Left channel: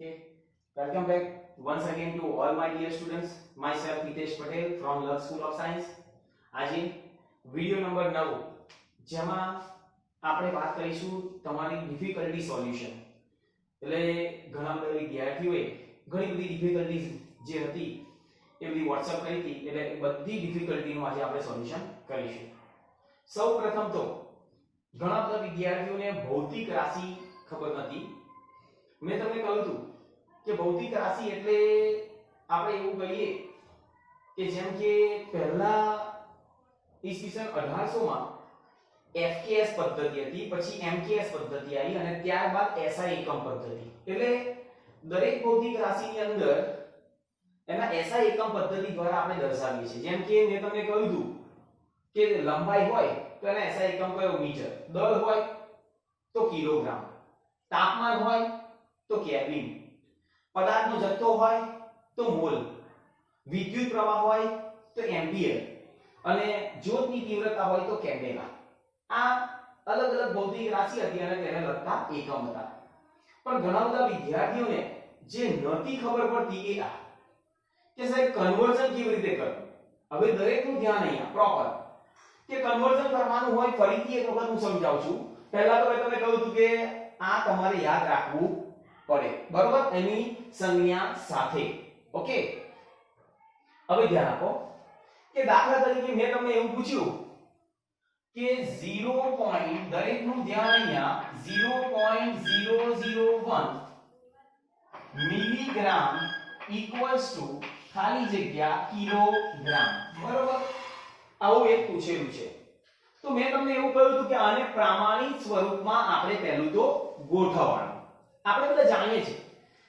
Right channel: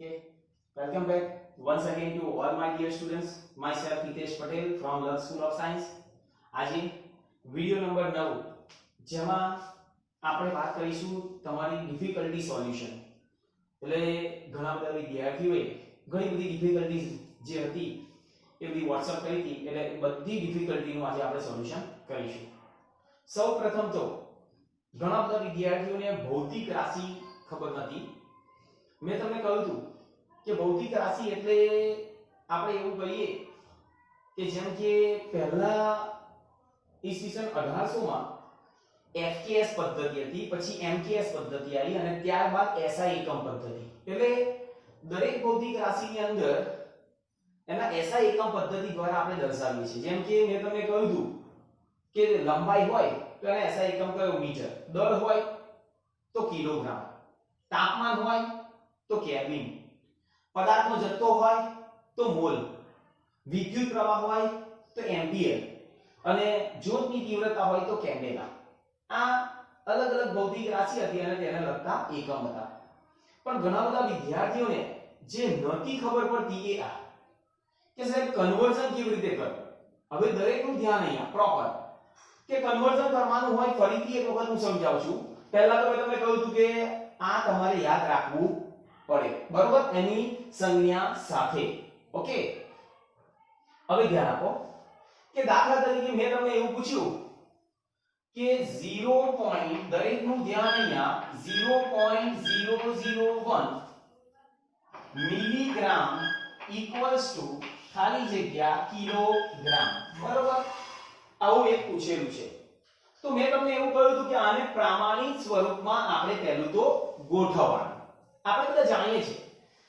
Okay, welcome back once again to all my dear students. Myself Hitesh Patel from Love School of Science. આજે video number 9 જેમાં આપણે વાત કરીશું તમારી difficulty solution. એટલે ઘણા બધા વિદ્યાર્થીઓએ ઘણી બધી ડિફિકલ્ટીઝ જે હતી એ બધી WhatsApp કરી હતી, એટલે એ બધી ડિફિકલ્ટીનું આજે આપણે સોલ્યુશન કરીશું. સૌપ્રથમ તો ઘણા બધા વિદ્યાર્થીઓને ભૌતિક રાશિ ખબર નથી. મેં તમને કહ્યું હતું કે ભૌતિક રાશિ એટલે આપણે એવું કહીએ કે જેમ કે પહેલા ઈસવીસન 1800 માં FKS પદ્ધતિ હતી, પછી MKS પદ્ધતિ આવી અને ત્યારબાદ SI એકમ પદ્ધતિ. એટલે દરેક ભૌતિક રાશિની અંદર એના SI એકમ પદ્ધતિ દ્વારા આપણે દર્શાવીએ છીએ. જેમ કે મેં તમને કહ્યું હતું કે લંબાઈ હોય તો એના SI એકમ કયો? મીટર. દળ હોય તો કિલોગ્રામ. તાપમાન હોય તો કેલ્વિન. પદાર્થનો જથ્થો હોય તો મોલ. વિદ્યુત પ્રવાહ હોય તો એમ્પિયર અને જ્યોતની તીવ્રતા હોય તો કેન્ડેલા. આ અલગ અલગ ભૌતિક રાશિ હતી અને તેને લગતા એકમ હતા. પણ ઘણા બધા વિદ્યાર્થીઓને જે નથી ખબર પડતી એ આ કે સાહેબ કન્વર્ઝન કેવી રીતે કરવું. હવે દરેકનું ધ્યાન અહીંયા પ્રોપર કે કન્વર્ઝન કરવાનું હોય. ફરીથી એક વખત હું સમજાવું છું. પહેલા તો મેં તમને કહ્યું હતું કે આ તમારે યાદ રાખવું પડે, બરોબર, એની સંજ્ઞા સાથે. ઓકે, હવે ધ્યાન આપો કે દાખલા તરીકે મેં તમને એવું પૂછ્યું કે 0. દરેકનું ધ્યાન અહીંયા 0.001 મિલીગ્રામ ઇક્વલ્સ ટુ ખાલી જગ્યા કિલોગ્રામ, બરોબર. આવું એક પૂછેલું છે. તો મેં તમને એવું કહ્યું હતું કે આને પ્રમાણિત સ્વરૂપમાં આપણે પહેલું તો ગોઠવવાનું. આપણે બધા જાણીએ છીએ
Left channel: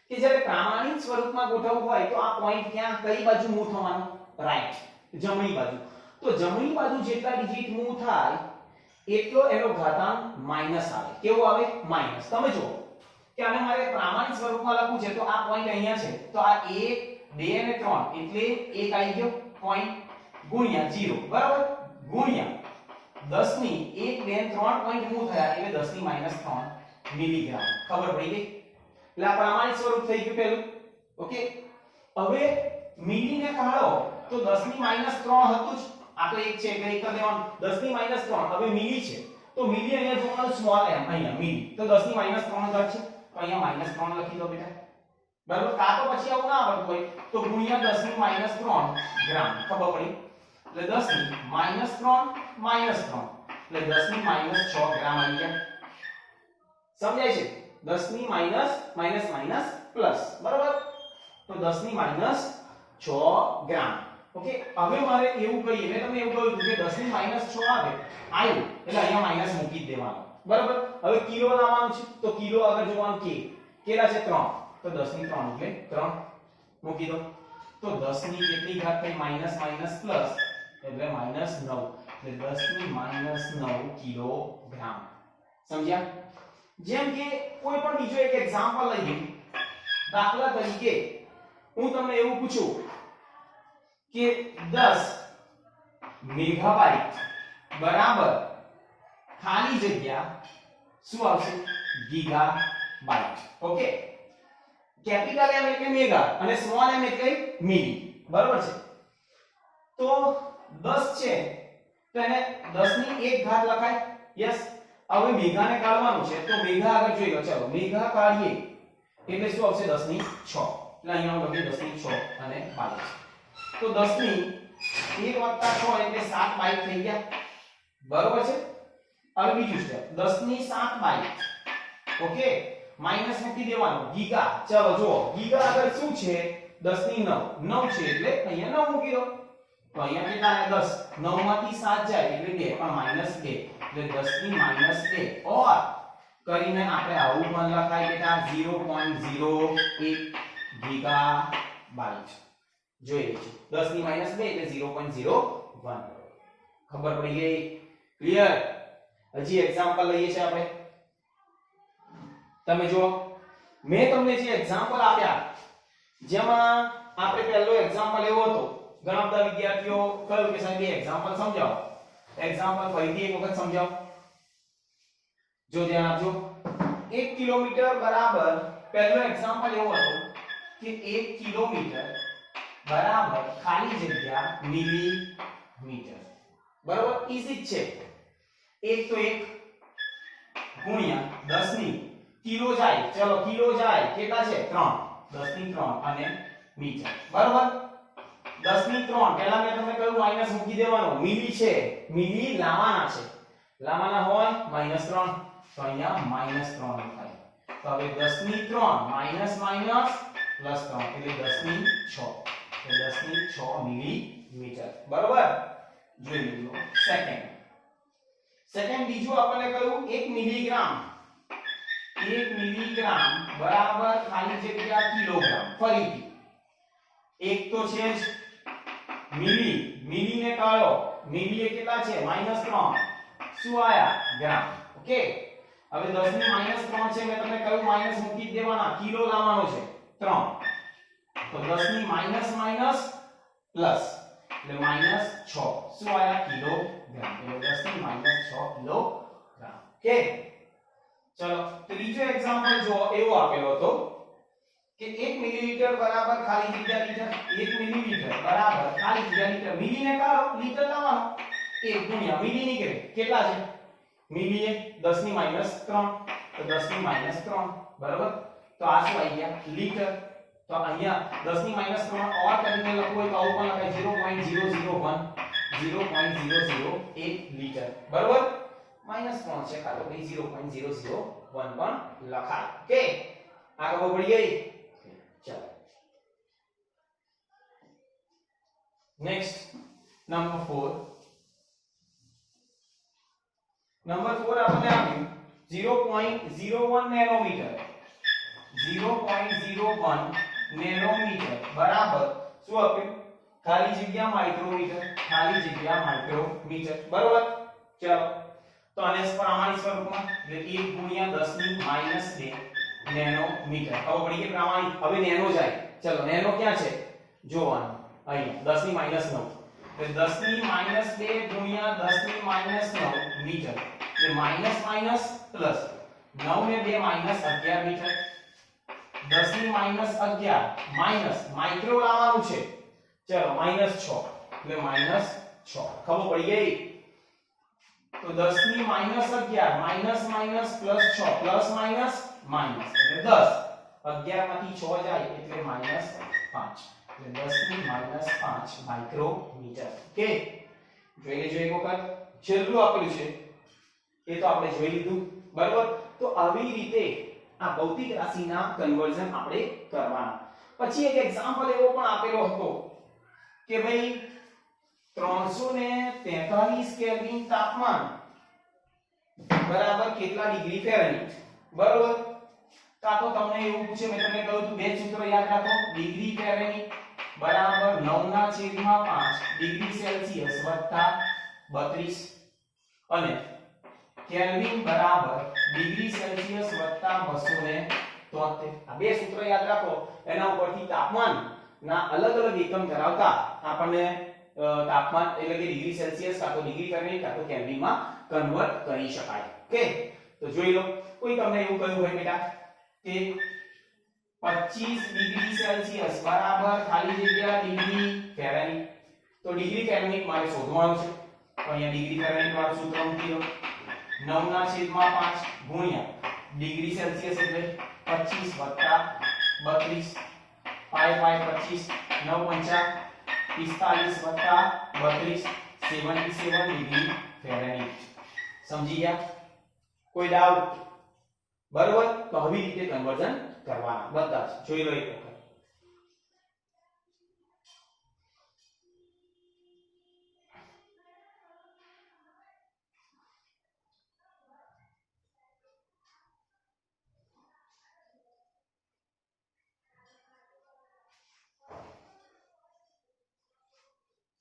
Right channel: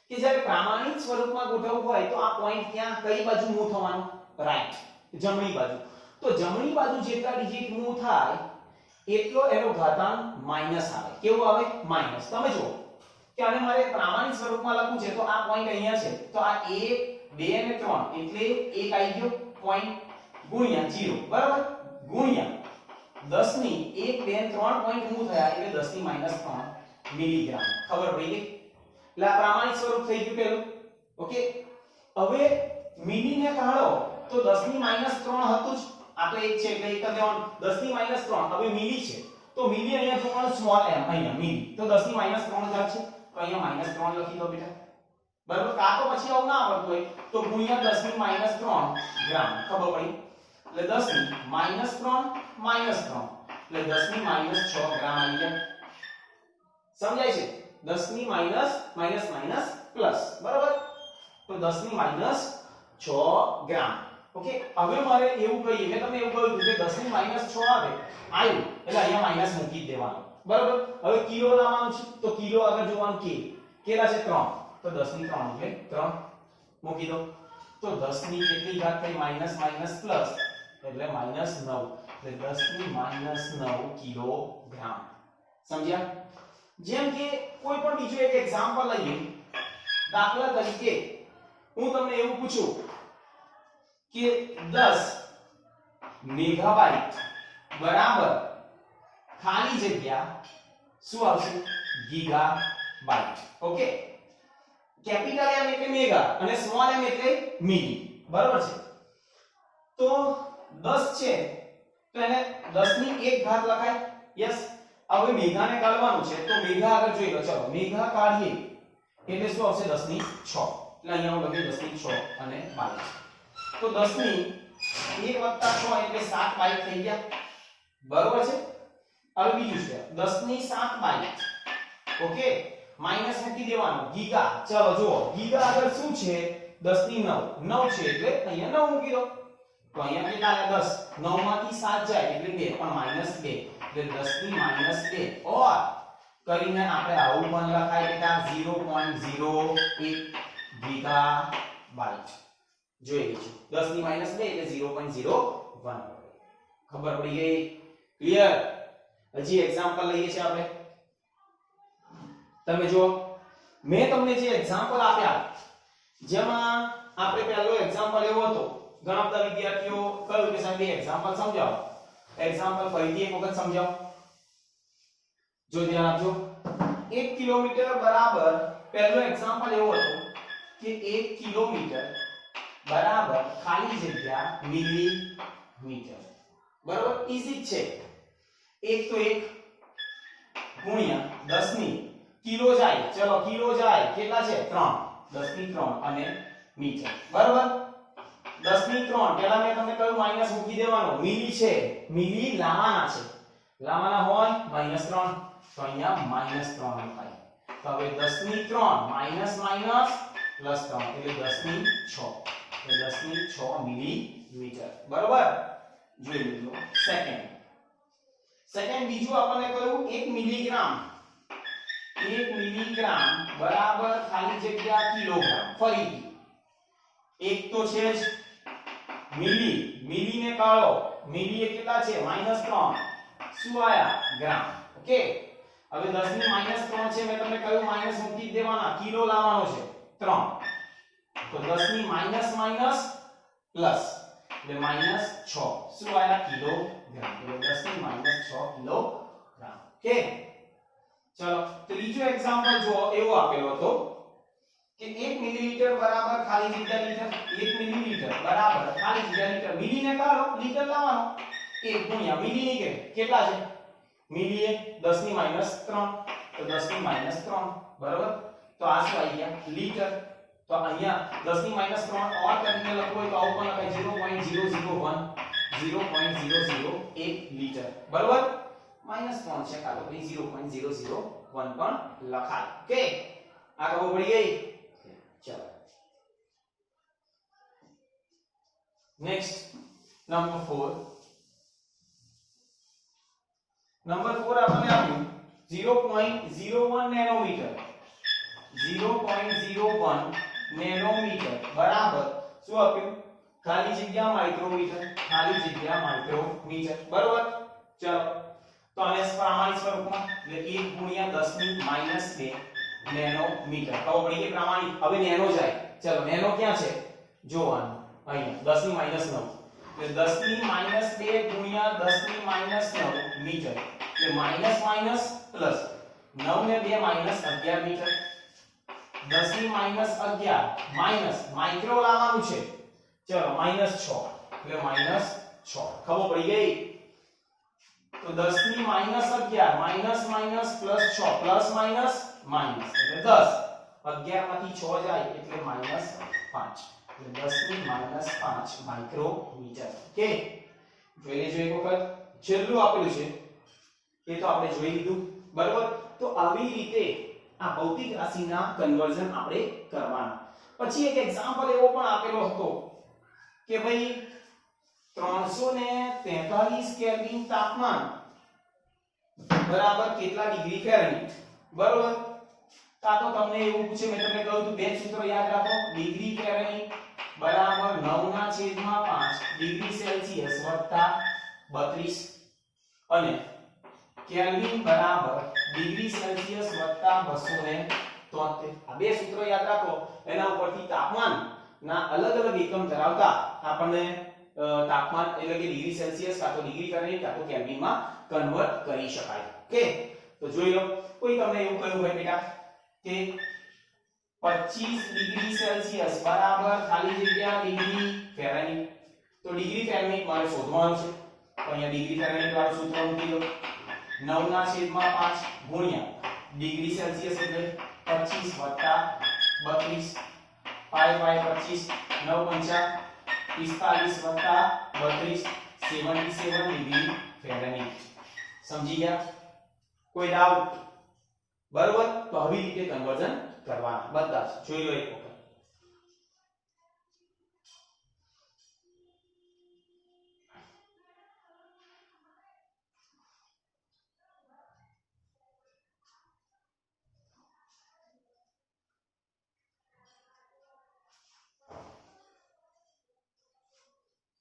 કે જ્યારે પ્રમાણિત સ્વરૂપમાં ગોઠવવું હોય તો આ પોઈન્ટ ક્યાં કઈ બાજુ મૂવ થવાનું? રાઈટ, જમણી બાજુ. તો જમણી બાજુ જેટલા ડિજિટ મૂવ થાય એટલો એનો ઘાતાંક માઈનસ આવે. કેવું આવે? માઈનસ. તમે જુઓ કે આને મારે પ્રમાણિત સ્વરૂપમાં લખવું છે તો આ પોઈન્ટ અહીંયા છે તો આ 1 2 અને 3 એટલે એક આવી ગયો પોઈન્ટ ગુણ્યા 0, બરાબર, ગુણ્યા 10 ની 1 2 3 પોઈન્ટ મૂવ થયા એટલે 10 ની -3 મિલીગ્રામ. ખબર પડી ગઈ? એટલે આ પ્રમાણિત સ્વરૂપ થઈ ગયું પેલું. ઓકે, હવે મિલી ને કાઢો તો 10 ની -3 હતું જ. આ તો એક છે એટલે એક કરી દેવાનું. 10 ની -3 હવે મિલી છે તો મિલી અહીંયા જોવાનું સ્મોલ m, અહીંયા મિલી તો 10 ની -3 જ છે તો અહીંયા -3 લખી દો બેટા, બરાબર. કા તો પછી આવું ના આવડતું હોય તો ગુણ્યા 10 ની -3 ગ્રામ. ખબર પડી? એટલે 10 ની -3 એટલે 10 ની -6 ગ્રામ આવી ગયા. સમજાય છે? 10 ની માઈનસ પ્લસ, બરાબર. તો 10 ની -6 ગ્રામ. ઓકે, હવે મારે એવું કહીએ, મેં તમને એવું કહ્યું કે 10 ની -6 આવે આવ્યું એટલે અહીંયા માઈનસ મૂકી દેવાનું, બરાબર. હવે કિલો લાવવાનું છે તો કિલો આગળ જોવાનું કે કેટલા છે? 3. તો 10 ની 3 એટલે 3 મૂકી દો. તો 10 ની કેટલી ઘાત થઈ? માઈનસ પ્લસ એટલે -9 એટલે 10 ની -9 કિલોગ્રામ. સમજ્યા? જેમ કે કોઈ પણ બીજો એક એક્ઝામ્પલ લઈએ. દાખલા તરીકે હું તમને એવું પૂછું કે 10 મેગાબાઇટ બરાબર ખાલી જગ્યા શું આવશે? ગીગાબાઇટ. ઓકે, કેપિટલ M એટલે મેગા અને સ્મોલ m એટલે મિલી, બરાબર છે. તો 10 છે તો એને 10 ની 1 ઘાત લખાય. યસ. હવે મેગાને કાઢવાનું છે તો મેગા આગળ જોઈ લો. ચાલો મેગા કાઢીએ એટલે શું આવશે? 10 ની 6. એટલે અહીંયા હું લખી 10 ની 6 અને 22. તો 10 ની 1 વત્તા 6 એટલે 7 બાઈટ થઈ ગયા, બરોબર છે. હવે બીજું છે 10 ની 7 બાઈટ. ઓકે, માઈનસ મૂકી દેવાનું. ગીગા. ચાલો જુઓ ગીગા આગળ શું છે? 10 ની 9 છે એટલે અહીંયા 9 મૂકી દો. તો અહીંયા કેટલા? 10. 9 માંથી 7 જાય એટલે 2 પણ -2 એટલે 10 ની -2 ઓર કરીને આપણે આવું પણ લખાય બેટા 0.01 ગીગાબાઇટ. જોઈ લેજો 10 ની -2 એટલે 0.01. ખબર પડી ગઈ? ક્લિયર? હજી એક્ઝામ્પલ લઈએ છે આપણે. તમે જો મેં તમને જે એક્ઝામ્પલ આપ્યા જેમાં આપણે પહેલો એક્ઝામ્પલ એવો હતો. ઘણા બધા વિદ્યાર્થીઓ કહ્યું કે સાહેબ એક્ઝામ્પલ સમજાવો. એક્ઝામ્પલ ફરીથી એક વખત સમજાવો. જો ધ્યાન આપજો. 1 કિલોમીટર બરાબર પહેલો એક્ઝામ્પલ એવો હતો કે 1 કિલોમીટર બરાબર ખાલી જગ્યા મિલીમીટર. બરાબર ઈઝી છે. 1 તો 1 ગુણ્યા 10 ની કિલો જાય, ચલો કિલો જાય કેટલા છે 3, 10 ની 3 અને મીટર. બરાબર 10 ની 3 પહેલા મેં તમને કહ્યું માઈનસ મૂકી દેવાનો, મિલી છે, મિલી લાવવાના છે, લાવવાના હોય -3 તો અહીંયા -3 થાય. તો હવે 10 ની 3 માઈનસ માઈનસ પ્લસ 3 એટલે 10 ની 6, એટલે 10 ની 6 મિલીમીટર. બરાબર જોઈ લીધું. સેકન્ડ બીજું આપણને કહ્યું 1 મિલીગ્રામ, 1 મિલીગ્રામ બરાબર ખાલી જગ્યા કિલોગ્રામ. ફરીથી એક તો છે જ મિલી, મિલી ને કાઢો, મિલી એ કેટલા છે -3, શું આયા ગ્રામ. ઓકે હવે 10 ની -3 છે, મેં તમને કહ્યું માઈનસ મૂકી દેવાના, કિલો લાવવાનો છે 3, તો 10 ની માઈનસ માઈનસ પ્લસ એટલે -6, શું આયા કિલોગ્રામ, એટલે 10 ની -6 કિલોગ્રામ. ઓકે ચલો ત્રીજો એક્ઝામ્પલ જો એવો આપેલો હતો કે 1 મિલીલીટર બરાબર ખાલી જગ્યા લીટર, 1 મિલીલીટર બરાબર ખાલી જગ્યા લીટર. મિલી ને કાઢો, લીટર લાવવાનો, 1 ગુણ્યા મિલી નીકળે કેટલા છે, મિલી એ 10 ની -3 તો 10 ની -3 બરાબર. તો આ શું આવી ગયા લીટર. તો અહીંયા 10 ની -3 ઓર કરીને લખવું હોય તો આવું પણ લખાય 0.001 લીટર. બરાબર -3 છે કાતો પછી 0.001 પણ લખાય. ઓકે આ ખબર પડી ગઈ. ચાલો નેક્સ્ટ નંબર 4. નંબર 4 આપણને આપ્યું 0.01 નેનોમીટર, 0.01 નેનોમીટર બરાબર શું આપ્યું ખાલી જગ્યા માઇક્રોમીટર, ખાલી જગ્યા માઇક્રોમીટર. બરાબર ચાલો તો આને પ્રમાણિત સ્વરૂપમાં એટલે 1 ગુણ્યા 10 ની -2 નેનોમીટર. ખબર પડી કે પ્રમાણિત. હવે નેનો જાય, ચલો નેનો ક્યાં છે જોવાનું, અહીંયા 10 ની -9 એટલે 10 ની -2 ગુણ્યા 10 ની -9 મીટર એટલે માઈનસ માઈનસ પ્લસ 9 ને 2 -11 મીટર. 10 ની -11 માઈનસ માઇક્રો લાવવાનું છે, ચલો -6 એટલે -6. ખબર પડી ગઈ. તો 10 ની -11 minus minus plus 6 plus minus minus એટલે 10, 11 માંથી 6 જાય એટલે -5 એટલે 10 ની -5 માઇક્રોમીટર. ઓકે જોઈ લેજો એક વખત. છેલ્લું આપેલું છે એ તો આપણે જોઈ લીધું. બરાબર તો આવી રીતે આ ભૌતિક રાશિના કન્વર્ઝન આપણે કરવાના. પછી એક એક્ઝામ્પલ એવો પણ આપેલો હતો કે ભાઈ 343 કેલ્વિન તાપમાન બરાબર કેટલા ડિગ્રી ફેરનહીટ. બરાબર કા તો તમને એવું પૂછે, મેં તમને કહ્યું હતું બે સૂત્ર યાદ રાખો, ડિગ્રી ફેરનહીટ બરાબર 9/5 ડિગ્રી સેલ્સિયસ વત્તા 32 અને કેલ્વિન બરાબર ડિગ્રી સેલ્સિયસ વત્તા 273. આ બે સૂત્રો યાદ રાખો, એના ઉપરથી તાપમાન ના અલગ અલગ એકમ ધરાવતા આપણને તાપમાન એટલે કે ડિગ્રી સેલ્સિયસ કાં તો ડિગ્રી ફેરનહીટ કાં તો કેલ્વિન માં કન્વર્ટ કરી શકાય. ઓકે તો જોઈ લો. કોઈ તમને એવું કહ્યું હોય બેટા કે 25 ડિગ્રી સેલ્સિયસ બરાબર ખાલી જગ્યા ડિગ્રી ફેરનહીટ, તો ડિગ્રી ફેરનહીટ મારે શોધવાનું છે. તો અહીંયા ડિગ્રી ફેરનહીટ વાળું સૂત્ર મૂકી દો, 9/5 ગુણ્યા ડિગ્રી સેલ્સિયસ એટલે 25 વત્તા 32 પાઈ બાય 25 9 5 45 વત્તા 32 77 ડિગ્રી ફેરનહીટ. સમજી ગયા? કોઈ ડાઉટ? બરોબર તો આવી રીતે કન્વર્ઝન કરવાના બધા જ જોઈ લો એક વખત.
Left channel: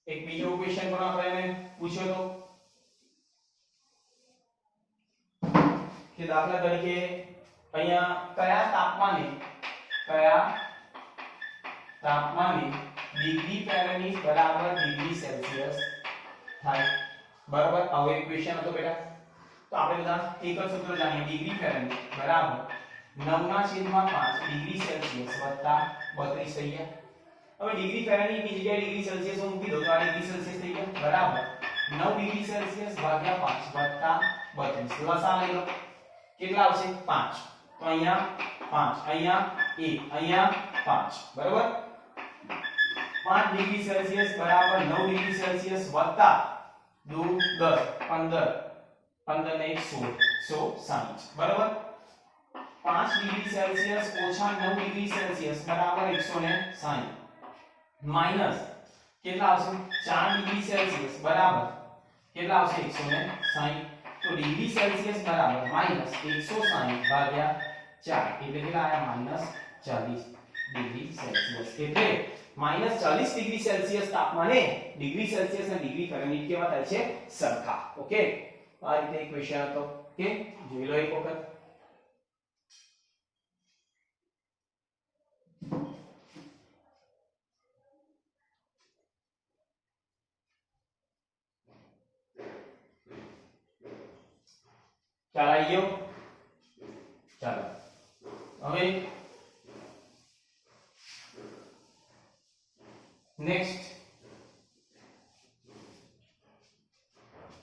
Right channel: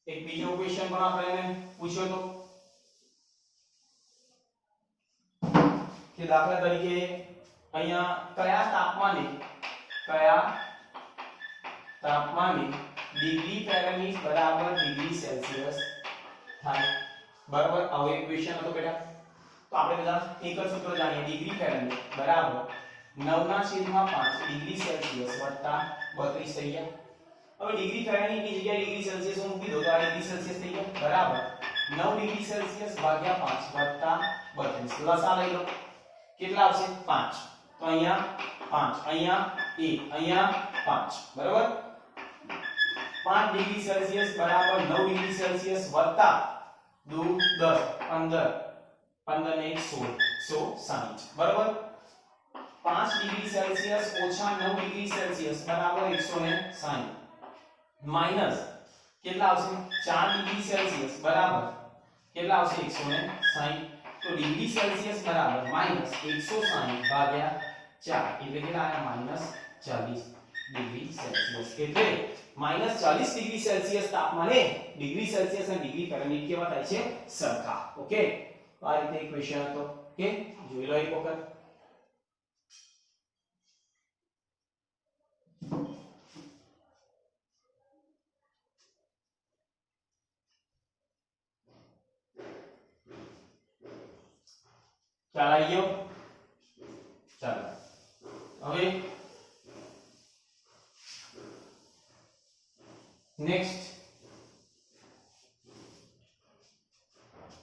એક બીજો ક્વેશ્ચન પણ આપણે પૂછ્યો તો કે દાખલા તરીકે અહીંયા કયા તાપમાને ડિગ્રી ફેરનહીટ બરાબર ડિગ્રી સેલ્સિયસ થાય. બરાબર હવે ક્વેશ્ચન હતો બેટા તો આપણે બધા એક જ સૂત્ર જાણીએ ડિગ્રી ફેરનહીટ બરાબર 9/5 ડિગ્રી સેલ્સિયસ વત્તા 32 થઈ ગયા. હવે ડિગ્રી ફેરનહીટ ની જગ્યાએ ડિગ્રી સેલ્સિયસ હું મૂકી દઉં તો આ ડિગ્રી સેલ્સિયસ થઈ ગયા બરાબર 9 ડિગ્રી સેલ્સિયસ ભાગ્યા 5 વત્તા 32 લસા લઈ લો કેટલા આવશે 5. તો અહીંયા 5 અહીંયા 1 અહીંયા 5 બરાબર 5 ડિગ્રી સેલ્સિયસ બરાબર 9 ડિગ્રી સેલ્સિયસ વત્તા 2 10 15 15 ને 1 16 160 બરાબર 5 ડિગ્રી સેલ્સિયસ ઓછા 9 ડિગ્રી સેલ્સિયસ બરાબર 160 માઈનસ કેટલા આવશે 4 ડિગ્રી સેલ્સિયસ બરાબર કેટલા આવશે 160 તો ડિગ્રી સેલ્સિયસ બરાબર માઈનસ 160 ભાગ્યા 4 એટલે કેટલા આયા માઈનસ 40 ડિગ્રી સેલ્સિયસ એટલે માઈનસ 40 ડિગ્રી સેલ્સિયસ તાપમાને ડિગ્રી સેલ્સિયસ અને ડિગ્રી ફેરનહીટ કેવા થાય છે સરખા. ઓકે આ રીતે એક ક્વેશ્ચન હતો. ઓકે જોઈ લો એક વખત. ચાલો આવી ગયો. ચાલો હવે નેક્સ્ટ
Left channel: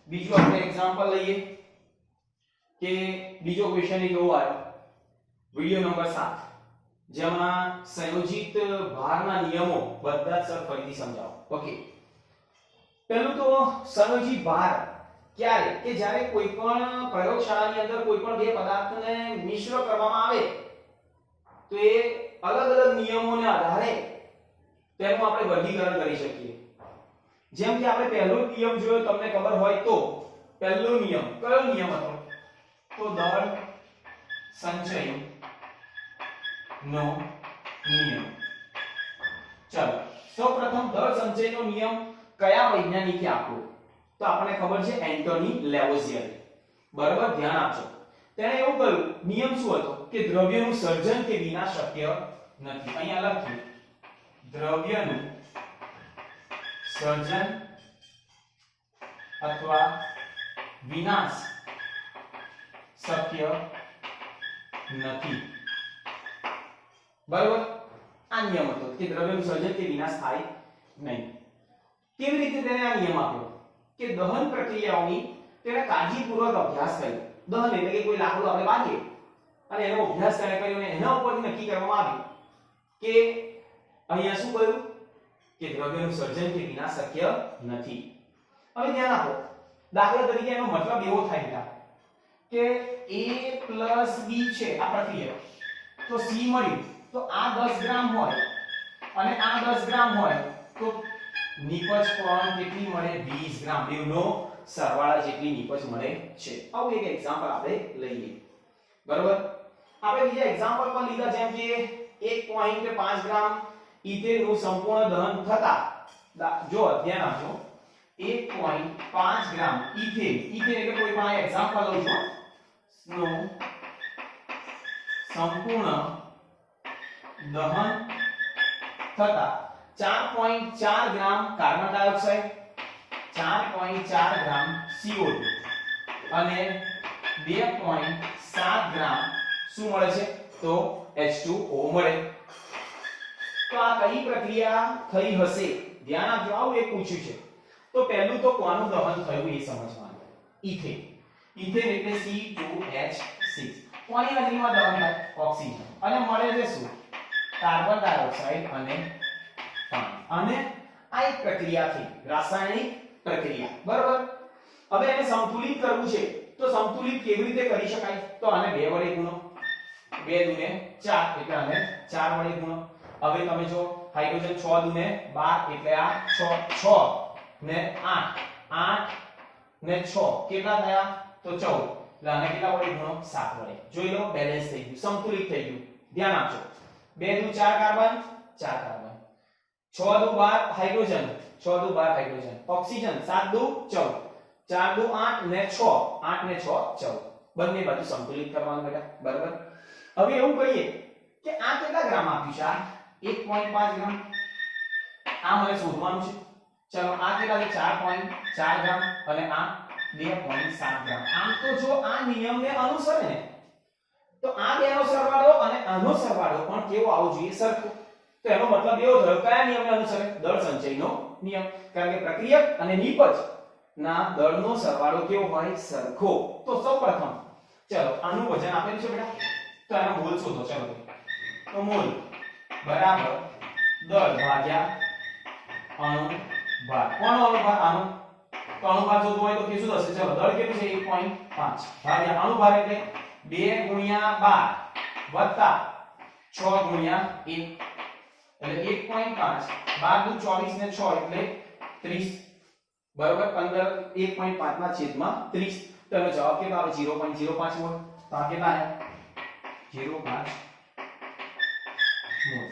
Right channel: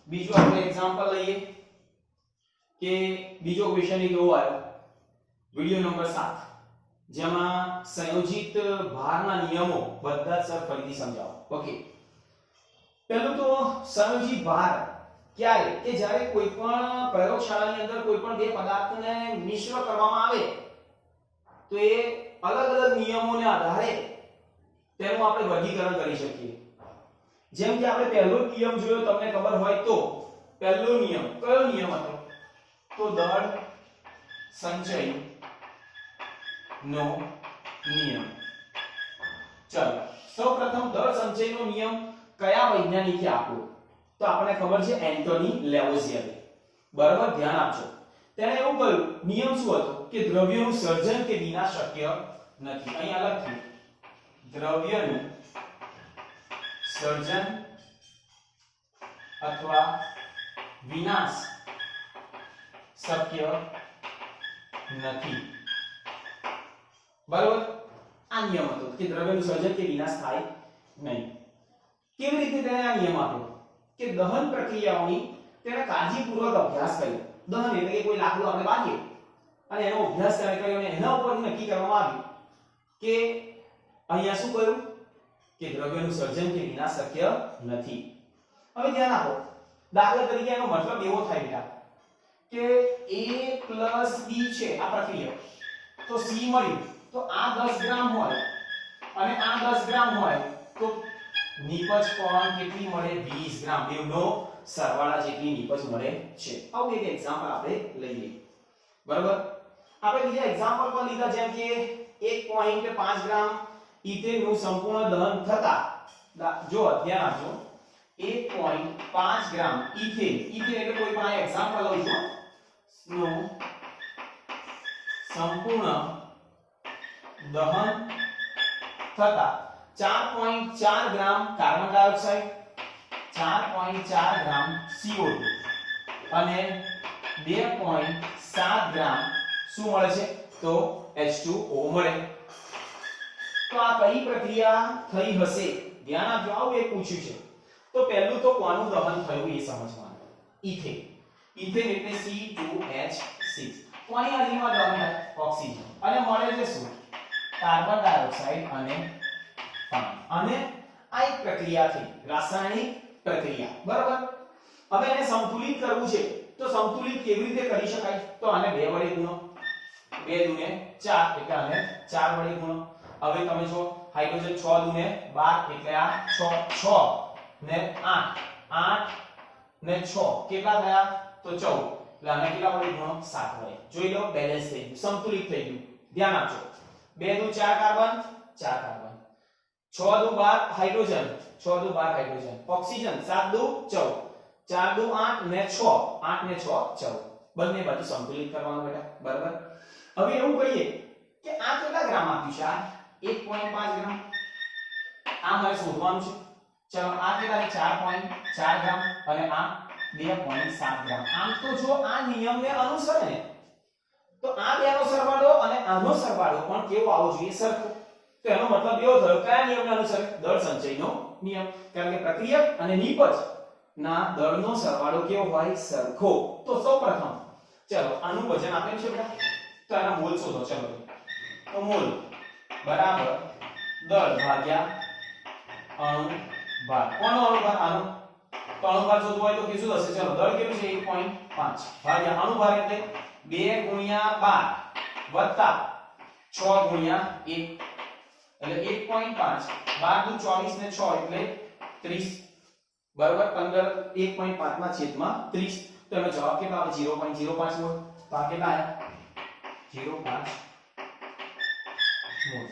બીજું આપણે એક્ઝામ્પલ લઈએ કે બીજો ક્વેશ્ચન એ કેવો આવ્યો વિડિયો નંબર 7 જેમાં સંયોજિત ભારના નિયમો બધા સર ફરીથી સમજાવો. ઓકે પહેલું તો સંયોજિત ભાર ક્યારે કે જ્યારે કોઈ પણ પ્રયોગશાળાની અંદર કોઈ પણ બે પદાર્થને મિશ્ર કરવામાં આવે તો એ અલગ અલગ નિયમોને આધારે તેનું આપણે વર્ગીકરણ કરી શકીએ. જેમ કે આપણે પહેલો નિયમ જોયો તમને ખબર હોય તો પહેલો નિયમ કયો નિયમ હતો તો દળ સંચય નો નિયમ. ચાલો સૌપ્રથમ દળ સંચયનો નિયમ કયા વૈજ્ઞાનિકે આપ્યો તો આપણને ખબર છે એન્ટોની લેવોઝિયર. બરાબર ધ્યાન આપજો. તેણે એવું કહ્યું નિયમ શું હતો કે દ્રવ્યનું સર્જન કે વિનાશ શક્ય નથી. અહીંયા લખ્યું દ્રવ્યનું સર્જન અથવા વિનાશ શક્ય નથી. બરાબર આ નિયમ હતો કે દ્રવ્યનું સર્જન કે વિનાશ થાય નહીં. કેવી રીતે તેને આ નિયમ આપ્યો કે દહન પ્રક્રિયાઓની તેને કાળજીપૂર્વક અભ્યાસ કર્યો. દહન એટલે કે કોઈ લાકડું આપણે બાંધીએ અને એનો અભ્યાસ તેને કર્યો અને એના ઉપરથી નક્કી કરવામાં આવ્યું કે અહીંયા શું કહ્યું કે દ્રવ્યનું સર્જન કે વિનાશ શક્ય નથી. હવે ધ્યાન આપો દાખલા તરીકે એનો મતલબ એવો થાય બેટા કે a b છે આ પ્રક્રિયા તો c મળ્યું તો આ 10 ગ્રામ હોય અને આ 10 ગ્રામ હોય તો નિપજ પણ કેટલી મળે 20 ગ્રામ. બેવનો સરવાળા જેટલી નિપજ મળે છે. આવું એક એક્ઝામ્પલ આપણે લઈએ. બરાબર આપણે બીજા એક્ઝામ્પલ પણ લીધા જેમ કે 1.5 ગ્રામ ઇથેનનું સંપૂર્ણ દહન થતા જો ધ્યાન આપજો 1.5 ગ્રામ ઇથેન એટલે કોઈ પણ આ એક્ઝામ્પલ લઈ જો નું સંપૂર્ણ દહન થતા 4.4 ગ્રામ કાર્બન ડાયોક્સાઇડ 4.4 ગ્રામ CO2 અને 2.7 ગ્રામ શું મળે છે તો H2O મળે. તો આ કઈ પ્રક્રિયા થઈ હશે ધ્યાન આપજો. આવું એક પૂછ્યું છે તો પહેલું તો કોનું દહન થયું એ સમજવાનું. ઇથેન એટલે C2H6 કોની હાજરીમાં દહન થાય ઓક્સિજન અને મળે છે શું કાર્બન ડાયોક્સાઇડ અને પાણી. અને આ એક પ્રક્રિયા થઈ રાસાયણિક પ્રક્રિયા. બરાબર હવે એને સંતુલિત કરવું છે તો સંતુલિત કેવી રીતે કરી શકાય તો આને 2 વડે ગુણો 2 દુને 4 એટલે આને 4 વડે ગુણો. હવે તમે જો હાઇડ્રોજન 6 દુને 12 એટલે આ 6 ને 8 8 ને 6 કેટલા થયા તો 14 એટલે આને કેટલા વડે ગુણો 7 વડે. જોઈ લો બેલેન્સ થઈ ગયું સંતુલિત થઈ ગયું. ધ્યાન આપજો 2 દુ 4 કાર્બન 4 કાર્બન 6 દુ 12 હાઇડ્રોજન 6 દુ 12 હાઇડ્રોજન ઓક્સિજન 7 દુ 14 4 દુ 8 ને 6 8 ને 6 14 બંને બાજુ સંતુલિત કરવાનું બેટા. બરાબર હવે એવું કહીએ કે આ કેટલા ગ્રામ આપ્યું છે આ 1.5 ગ્રામ આ મને શોધવાનું છે. ચલો આ કેટલા છે 4.4 ગ્રામ અને આ 2.7 ગ્રામ. આમ તો જો આ નિયમને અનુસરે ને તો આ બેનો સરવાળો અને આનો સરવાળો પણ કેવો આવવો જોઈએ? સરખો. તો એનો મતલબ એવો થયો કયા નિયમને અનુસરે? દળ સંચયનો નિયમ. કારણ કે પ્રક્રિયક અને નિપજ ના દળનો સરવાળો કેવો હોય? સરખો. તો સૌપ્રથમ ચલો આનું વજન આપેલું છે બેટા, તો એના મોલ શોધો. ચલો તો મોલ બરાબર દળ ભાગ્યા અણુભાર. કોનો અણુભાર? આનો. તો અણુભાર શોધવો હોય તો કે શું થશે? ચલો દળ કેટલું છે? 1.5 ભાગ્યા અણુભાર એટલે 2 ગુણ્યા 12 વત્તા 6 ગુણ્યા 1 એટલે 1.5 12 24 ને 6 એટલે 30 બરાબર 15 1.5 ના છેદમાં 30. તો એનો જવાબ કેટલો આવે? 0.05 મોલ. તો આ કેટલા આવ્યા? 0.5 મોલ.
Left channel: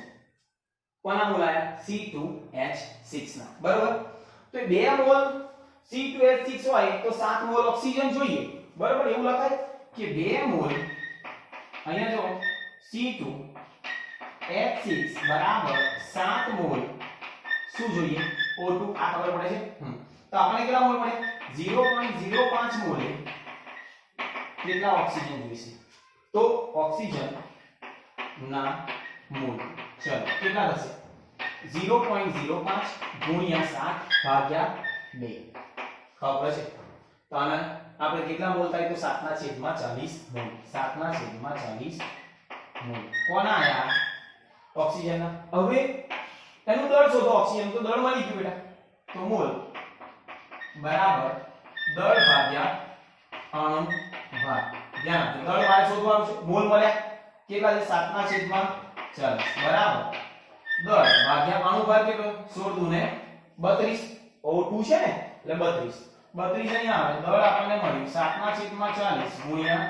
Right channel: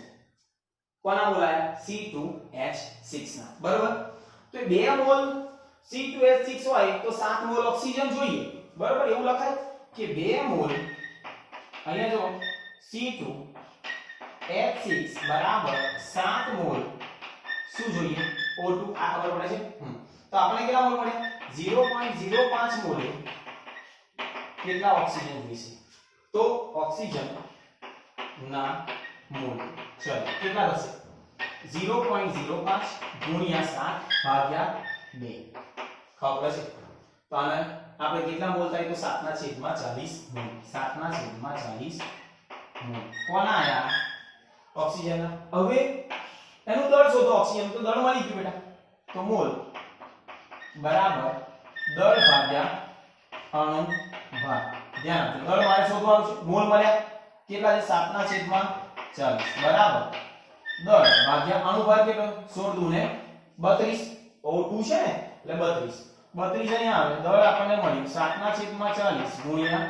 કોના મોલ આયા? C2H6 ના. બરાબર. તો 2 મોલ C2H6 હોય તો 7 મોલ ઓક્સિજન જોઈએ. બરાબર. એવું લખાય કે 2 મોલ અહીંયા જો C2H6 બરાબર 7 મોલ શું જોઈએ? O2. આ ખબર પડે છે. તો આપણે કેટલા મોલ મળે? 0.05 મોલે કેટલા ઓક્સિજન જોઈશે? તો ઓક્સિજન ના મોલ ચલો કેટલા થશે? 0.05 ગુણ્યા 7 ભાગ્યા 2. ખબર છે? તો આને આપણે કેટલા મોલ થાય? તો 7 ના છેદમાં 40 મોલ. 7 ના છેદમાં 40 મોલ. કોના આયા? ઓક્સિજનના. હવે એનું દળ શોધો. ઓક્સિજન તો દળ મળી ગયું બેટા. તો મોલ બરાબર દળ ભાગ્યા અણુભાર. ધ્યાન આપજો. દળ મારે શોધવાનું છે. મોલ મળ્યા કેટલા છે? 7 ના છેદમાં 40 બરાબર દળ ભાગ્યા અણુભાર કેટલો? 16 દુ ને 32. O2 છે ને એટલે 32. 32 અહીંયા આવે. દળ આપણને મળ્યું 7 ના છેદમાં 40 ગુણ્યા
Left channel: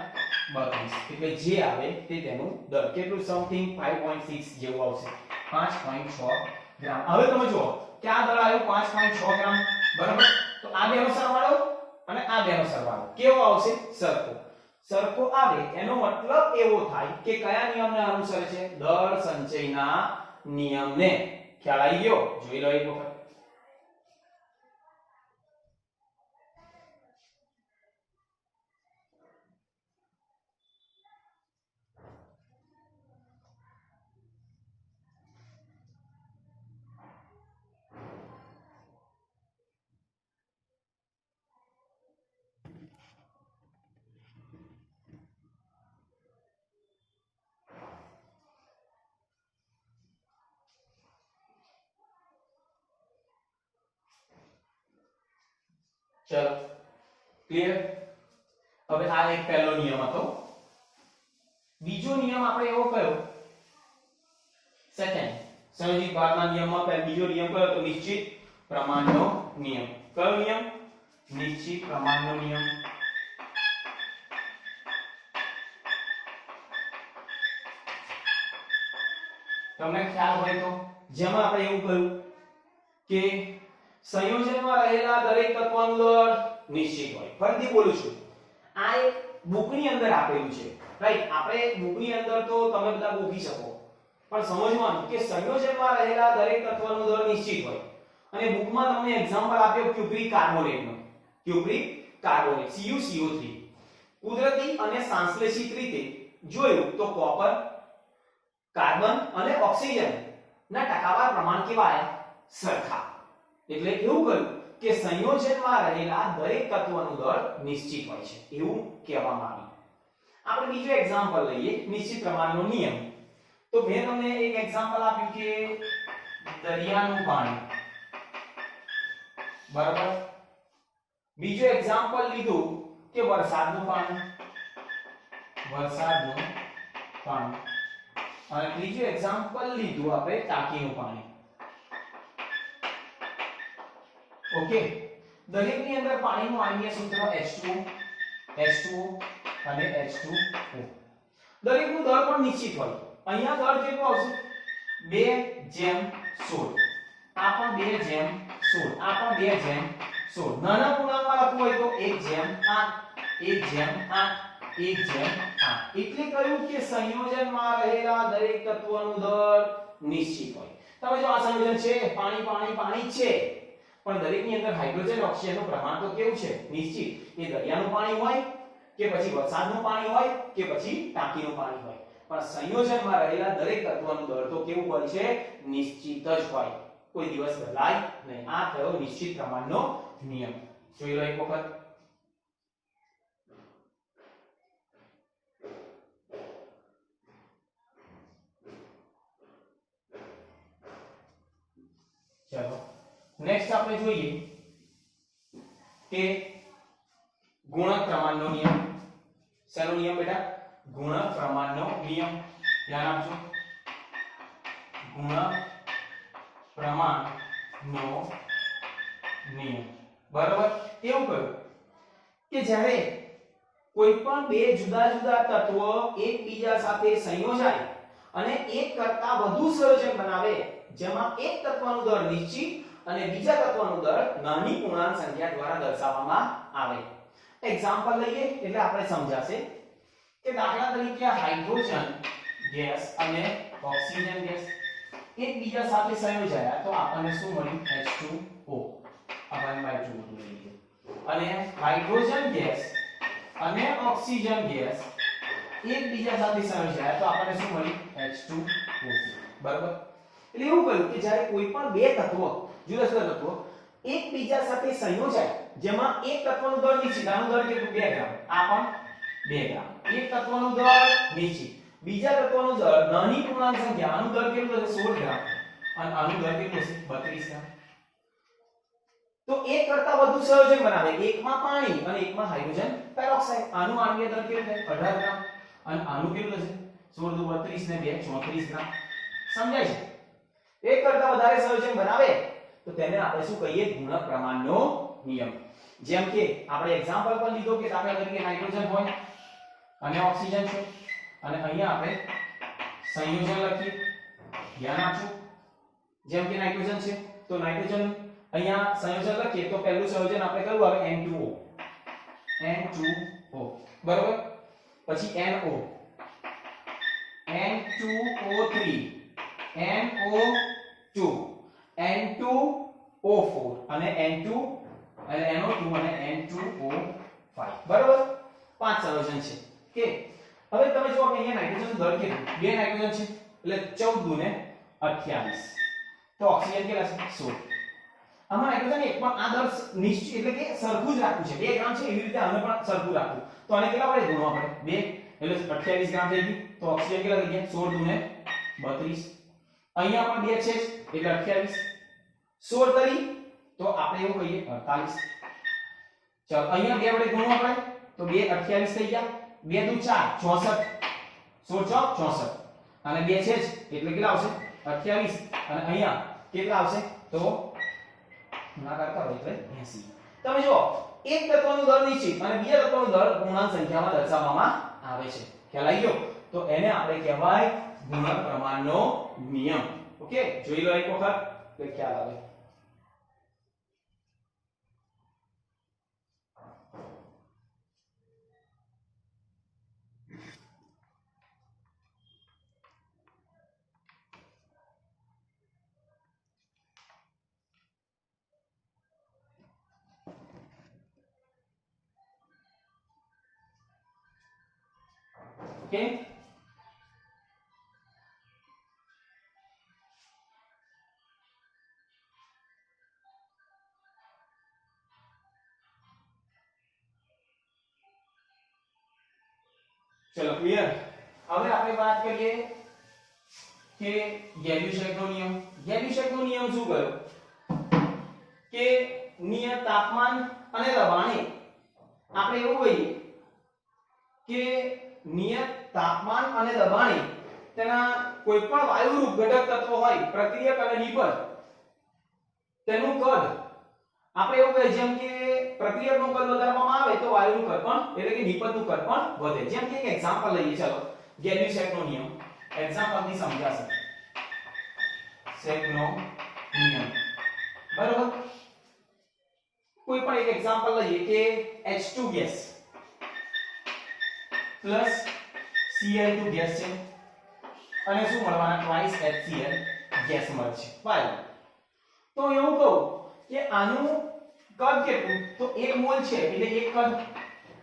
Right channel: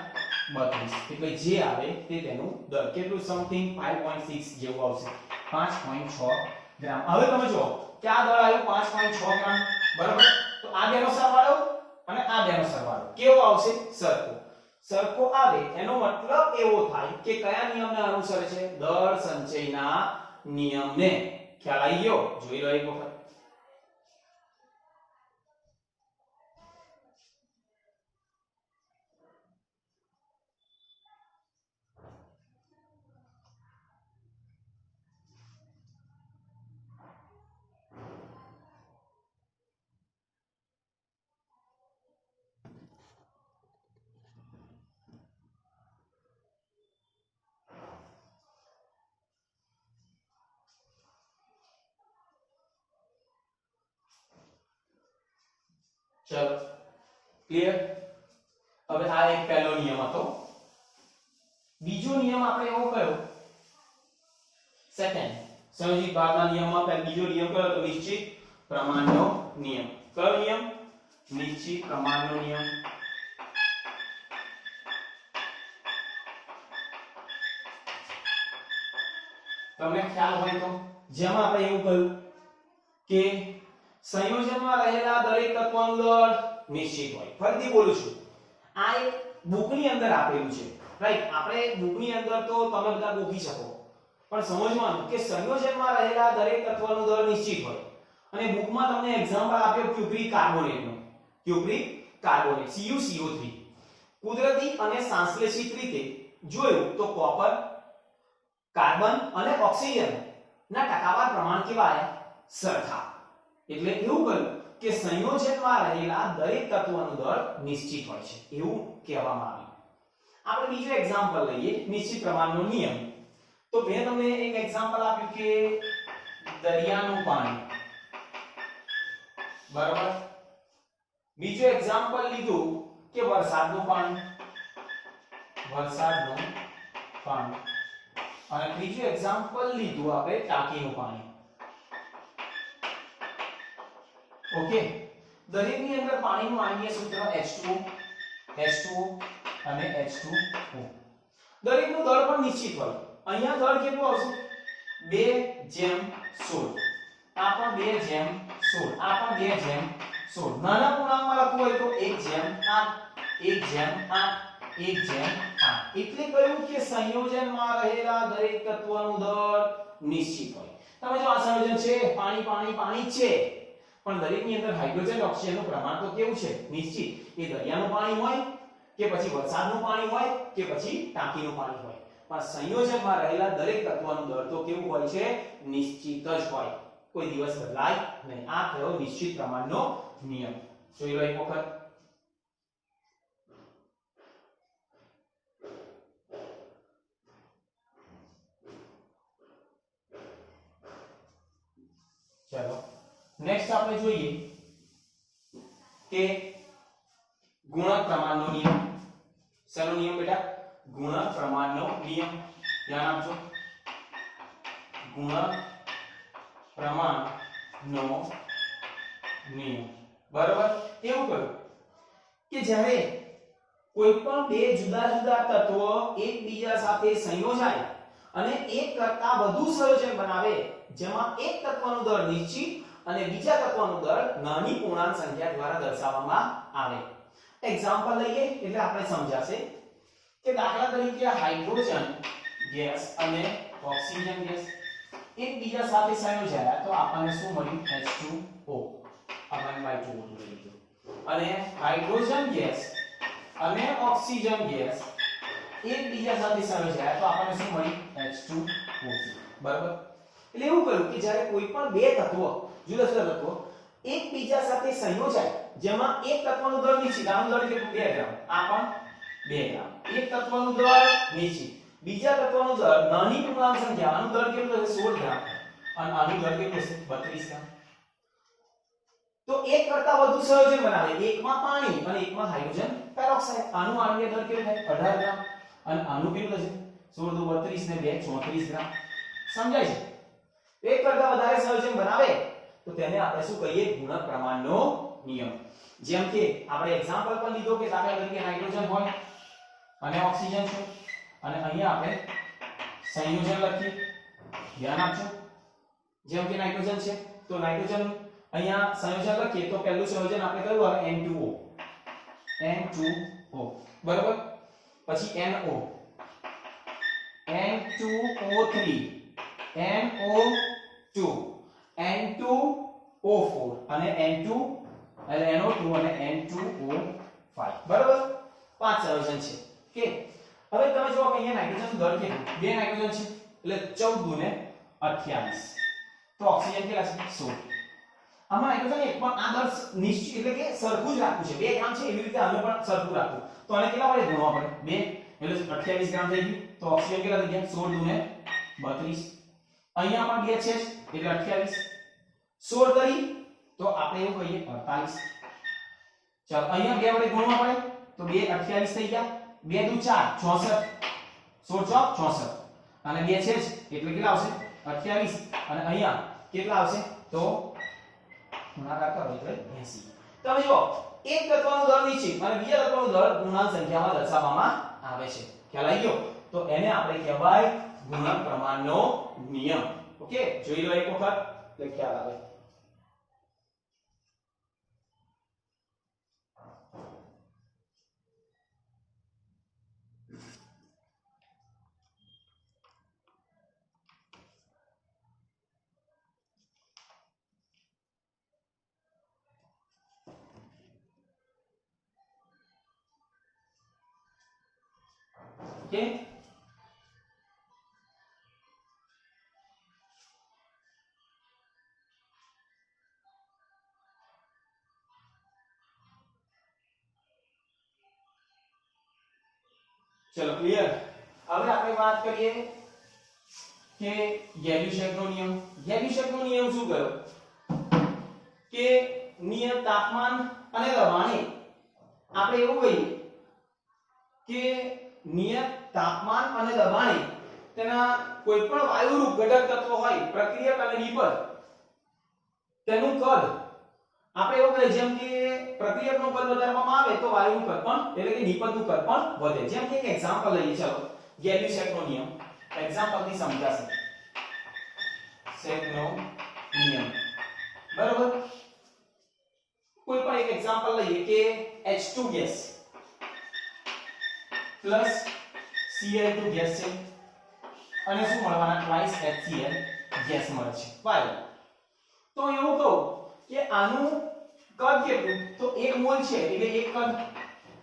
32 એટલે જે આવે તે તેનું દળ કેટલું? સમથિંગ 5.6 જેવું આવશે. 5.6 ગ્રામ. હવે તમે જુઓ કે આ દળ આવ્યું 5.6 ગ્રામ. બરાબર. તો આ બેનો સરવાળો અને આ બેનો સરવાળો કેવો આવશે? સરખો. સરખો આવે એનો મતલબ એવો થાય કે કયા નિયમને અનુસરે છે? દળ સંચયના નિયમને. ખ્યાલ આવી ગયો? જોઈ લો એક વખત. ચલો ક્લિયર. હવે આ એક પહેલો નિયમ હતો. બીજો નિયમ આપણે એવો કયો? સેકન્ડ સંયોજિત ભારના નિયમમાં બીજો નિયમ કયો? તો નિશ્ચિત પ્રમાણનો નિયમ. કયો નિયમ? નિશ્ચિત પ્રમાણનો નિયમ. તમને ખ્યાલ હોય તો જેમાં આપણે એવું કહ્યું કે સંયોજનમાં રહેલા દરેક તત્વનું દળ નિશ્ચિત હોય. ફરીથી બોલું છું. આ એક બુકની અંદર આપેલું છે. રાઈટ. આપણે બુકની અંદર તો તમે બધા ગોખી શકો. પણ સમજવાનું કે સંયોજનમાં રહેલા દરેક તત્વનું દળ નિશ્ચિત હોય. અને બુકમાં તમને એક્ઝામ્પલ આપ્યો ક્યુપ્રિક કાર્બોનેટનો. Cupric carbonate CuCO3. કુદરતી અને સંશ્લેષિત રીતે જોયું તો કોપર, કાર્બન અને ઓક્સિજન ના ટકાવાર પ્રમાણ કેવા આયા? સરખા. એટલે એવું કહ્યું કે સંયોજનમાં રહેલા દરેક તત્વનું દળ નિશ્ચિત હોય છે એવું કહેવામાં આવ્યું. આપણે બીજો એક્ઝામ્પલ લઈએ નિશ્ચિત પ્રમાણનો નિયમ. તો મેં તમને એક એક્ઝામ્પલ આપ્યું કે દરિયાનું પાણી. બરાબર. બીજો એક્ઝામ્પલ લીધું કે વરસાદનું પાણી. વરસાદનું પાણી. અને ત્રીજું એક્ઝામ્પલ લીધું આપણે ટાંકીનું પાણી. ઓકે. દરેકની અંદર પાણીનું આણ્વીય સૂત્ર H2O અને H2O. દરેકનું દળ પણ નિશ્ચિત હોય. અહીંયા દળ કેટલું આવશે? 2:16. આ પણ 2:16. આ પણ 2:16. નાના પૂર્ણાંકમાં લખવું હોય તો 1:8 1:8 1:8. એટલે કહ્યું કે સંયોજનમાં રહેલા દરેક તત્વનું દળ નિશ્ચિત હોય. તમે જો આ સંયોજન છે પાણી પાણી પાણી છે પણ દરેકની અંદર હાઇડ્રોજન ઓક્સિજનનું પ્રમાણ તો કેવું છે નિશ્ચિત એ દરિયાનું પાણી હોય કે પછી વરસાદનું પાણી હોય કે પછી ટાંકીનું પાણી હોય પણ સંયોજનમાં રહેલા દરેક તત્વનું દળ તો કેવું હોય છે નિશ્ચિત જ હોય કોઈ દિવસ બદલાય નહીં આ થયો નિશ્ચિત પ્રમાણનો નિયમ જોઈ લો એક વખત चलो नेक्स्ट આપણે જોઈએ કે ગુણક પ્રમાણનો નિયમ શેનો નિયમ બેટા ગુણક પ્રમાણનો નિયમ ધ્યાન આપજો ગુણક પ્રમાણનો નિયમ બરાબર એવું કહ્યું કે જ્યારે કોઈ પણ બે જુદા જુદા તત્વો એકબીજા સાથે સંયોજાય અને એક કરતા વધુ સંયોજન બનાવે જેમાં એક તત્વનું દળ નિશ્ચિત અને બીજા તત્વનું દળ નાની પૂર્ણાંક સંખ્યા દ્વારા દર્શાવવામાં આવે એક્ઝામ્પલ લઈએ એટલે આપણે સમજાશે કે દાખલા તરીકે હાઇડ્રોજન ગેસ અને ઓક્સિજન ગેસ એકબીજા સાથે સંયોજાયા તો આપણને શું મળ્યું H2O આપણને બાય 2 લઈ લીધું અને હાઇડ્રોજન ગેસ અને ઓક્સિજન ગેસ એકબીજા સાથે સંયોજાયા તો આપણને શું મળ્યું H2O બરાબર એટલે એવું કહ્યું કે જ્યારે કોઈ પણ બે તત્વો જુદા જુદા તત્વો એકબીજા સાથે સંયોજાય જેમાં એક તત્વનું દળ નિશ્ચિત આનું દળ કેટલું 2 ગ્રામ આ પણ 2 ગ્રામ એક તત્વનું દળ નિશ્ચિત બીજા તત્વનું દળ નાની પૂર્ણાંક સંખ્યા આનું દળ કેટલું હશે 16 ગ્રામ અને આનું દળ કેટલું હશે 32 ગ્રામ તો એક કરતા વધુ સંયોજન બનાવે એકમાં પાણી અને એકમાં હાઇડ્રોજન પેરોક્સાઇડ આનું આણ્વીય દળ કેટલું થાય 18 ગ્રામ અને આનું કેટલું હશે 16 દુ 32 ને 2 34 ગ્રામ સમજાય છે એક કરતા વધારે સંયોજન બનાવે તો તેને આપણે શું કહીએ ગુણક પ્રમાણનો નિયમ જેમ કે આપણે એક્ઝામ્પલ પર લીધો કે દાખલા તરીકે નાઇટ્રોજન હોય અને ઓક્સિજન છે અને અહીંયા આપણે સંયોજન લખીએ ધ્યાન આપજો જેમ કે નાઇટ્રોજન છે તો નાઇટ્રોજન અહીંયા સંયોજન લખીએ તો પહેલું સંયોજન આપણે કયું આવે N2O N2O બરાબર પછી NO N2O3 NO2 N2O4 અને N2 એટલે NO2 અને N2O5 બરાબર પાંચ સંયોજન છે કે હવે તમે જો કે અહીંયા નાઇટ્રોજન દળ કેટલું બે નાઇટ્રોજન છે એટલે 14 દુ ને 28 તો ઓક્સિજન કેટલા છે 16 આમાં નાઇટ્રોજન એક પણ આ દળ નિશ્ચિત એટલે કે સરખું જ રાખવું છે 2 ગ્રામ છે એવી રીતે આને પણ સરખું રાખવું તો આને કેટલા વડે ગુણવા પડે 2 એટલે 28 ગ્રામ થઈ ગયું તો ઓક્સિજન કેટલા થઈ ગયા 16 દુ ને 32 અહીંયા પણ 2 છે એટલે 28 16 તરી તો આપણે એવું કહીએ 48 ચાલો અહીંયા 2 વડે ગુણવા પડે તો 2 28 થઈ ગયા 2 દુ 4 64 16 64 અને 2 છે જ એટલે કેટલા આવશે 28 અને અહીંયા કેટલા આવશે તો ગુણાકાર કરો એટલે 80 તમે જો એક તત્વનું દળ નિશ્ચિત અને બીજા તત્વનું દળ પૂર્ણાંક સંખ્યામાં દર્શાવવામાં આવે છે ખ્યાલ આવી ગયો તો એને આપણે કહેવાય ગુણક પ્રમાણનો નિયમ ઓકે જોઈ લો એક વખત એટલે ખ્યાલ આવે ओके चलो क्लियर હવે આપણે વાત કરીએ કે ગેલ્યુસેકનો નિયમ શું કહ્યો કે નિયત તાપમાન અને દબાણે આપણે એવું કહીએ કે નિયત તાપમાન અને દબાણે તેના કોઈપણ વાયુરૂપ ઘટક તત્વ હોય પ્રક્રિયક અને નિપજ તેનું કદ આપણે એવું કહીએ જેમ કે પ્રક્રિયકનું કદ વધારવામાં આવે તો વાયુનું કદ પણ એટલે કે નિપજનું કદ પણ વધે જેમ કે એક એક્ઝામ્પલ લઈએ ચાલો ગેલ્યુસેકનો નિયમ એક્ઝામ્પલ થી સમજાશે સેકનો નિયમ બરાબર કોઈ પણ એક એક્ઝામ્પલ લઈએ કે H2 gas plus Cl2 gas છે અને શું મળવાના ટ્વાઇસ HCl ગેસ મળે છે બરાબર તો એવું કહું કે આનું કદ કેટલું, તો 1 મોલ છે એટલે 1 કદ,